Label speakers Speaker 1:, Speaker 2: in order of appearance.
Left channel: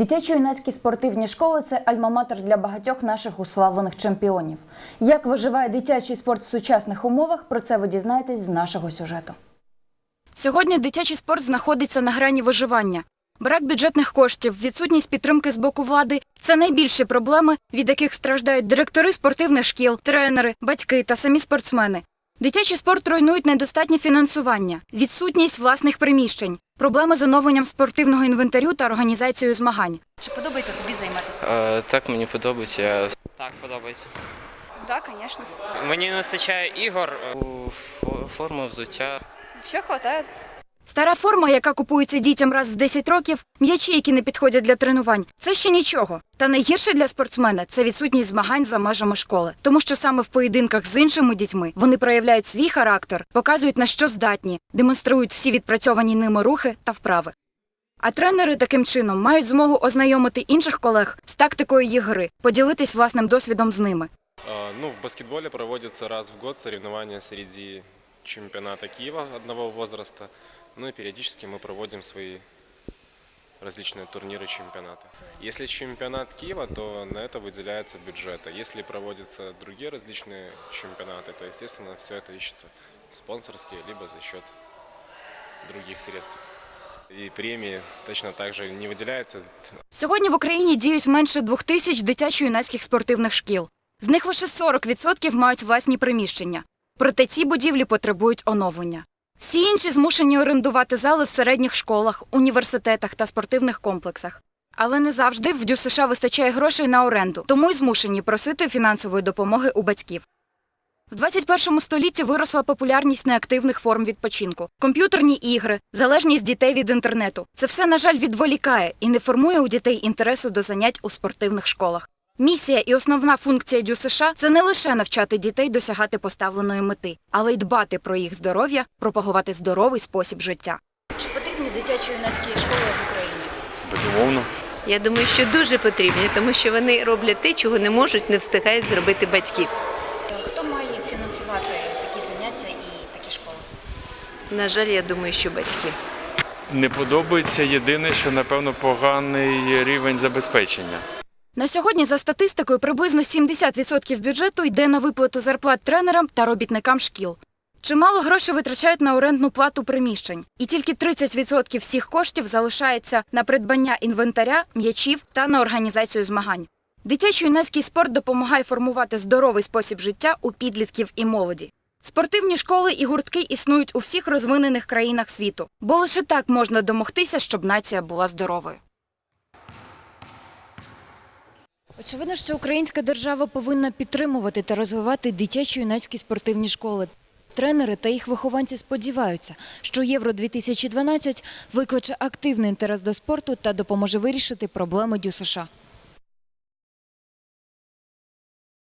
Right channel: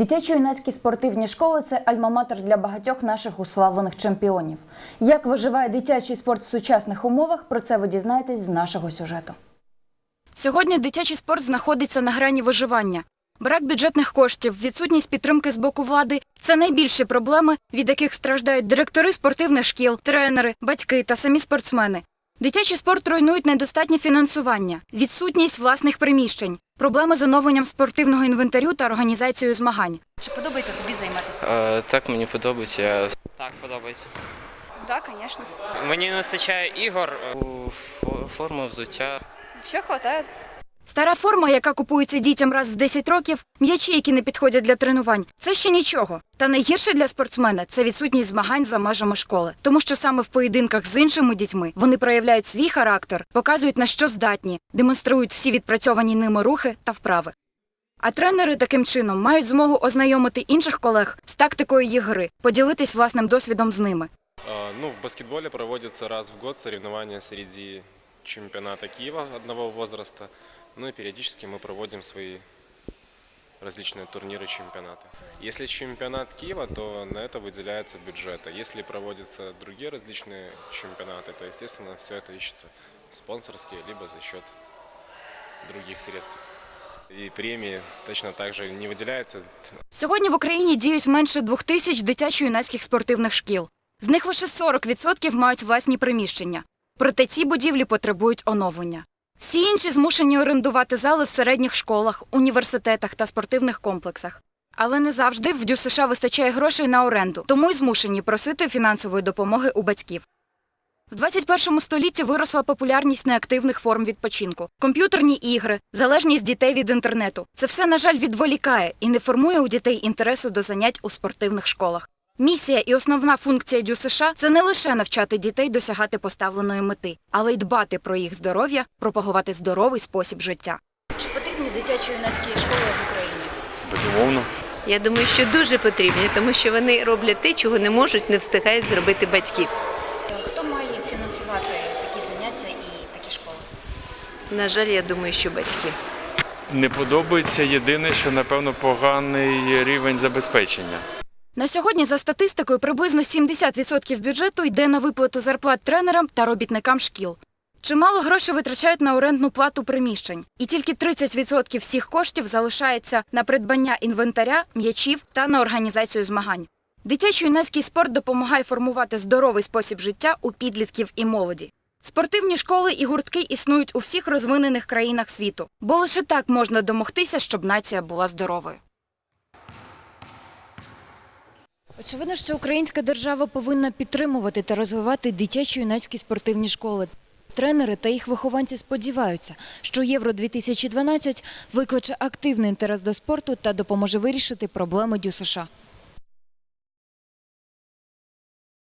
Speaker 1: Дитячо-юнацькі спортивні школи це альма-матер для багатьох наших уславлених чемпіонів. Як виживає дитячий спорт в сучасних умовах, про це ви дізнаєтесь з нашого сюжету.
Speaker 2: Сьогодні дитячий спорт знаходиться на грані виживання. Брак бюджетних коштів, відсутність підтримки з боку влади – це найбільші проблеми, від яких страждають директори спортивних шкіл, тренери, батьки та самі спортсмени. Дитячий спорт руйнують недостатнє фінансування, відсутність власних приміщень, проблеми з оновленням спортивного інвентарю та організацією змагань. Стара форма, яка купується дітям раз в 10 років, м'ячі, які не підходять для тренувань, це ще нічого. Та найгірше для спортсмена це відсутність змагань за межами школи, тому що саме в поєдинках з іншими дітьми вони проявляють свій характер, показують на що здатні, демонструють всі відпрацьовані ними рухи та вправи. А тренери таким чином мають змогу ознайомити інших колег з тактикою їх гри, поділитись власним досвідом з ними. Сьогодні в Україні діють менше двох тисяч дитячо-юнацьких спортивних шкіл. З них лише 40% мають власні приміщення. Проте ці будівлі потребують оновлення. Всі інші змушені орендувати зали в середніх школах, університетах та спортивних комплексах. Але не завжди в ДЮСШ вистачає грошей на оренду, тому й змушені просити фінансової допомоги у батьків. В 21 столітті виросла популярність неактивних форм відпочинку, комп'ютерні ігри, залежність дітей від інтернету. Це все, на жаль, відволікає і не формує у дітей інтересу до занять у спортивних школах. Місія і основна функція ДЮСШ – це не лише навчати дітей досягати поставленої мети, але й дбати про їх здоров'я, пропагувати здоровий спосіб життя. На сьогодні, за статистикою, приблизно 70% бюджету йде на виплату зарплат тренерам та робітникам шкіл. Чимало грошей витрачають на орендну плату приміщень, і тільки 30% всіх коштів залишається на придбання інвентаря, м'ячів та на організацію змагань. Дитячо-юнацький спорт допомагає формувати здоровий спосіб життя у підлітків і молоді. Спортивні школи і гуртки існують у всіх розвинених країнах світу, бо лише так можна домогтися, щоб нація була здоровою.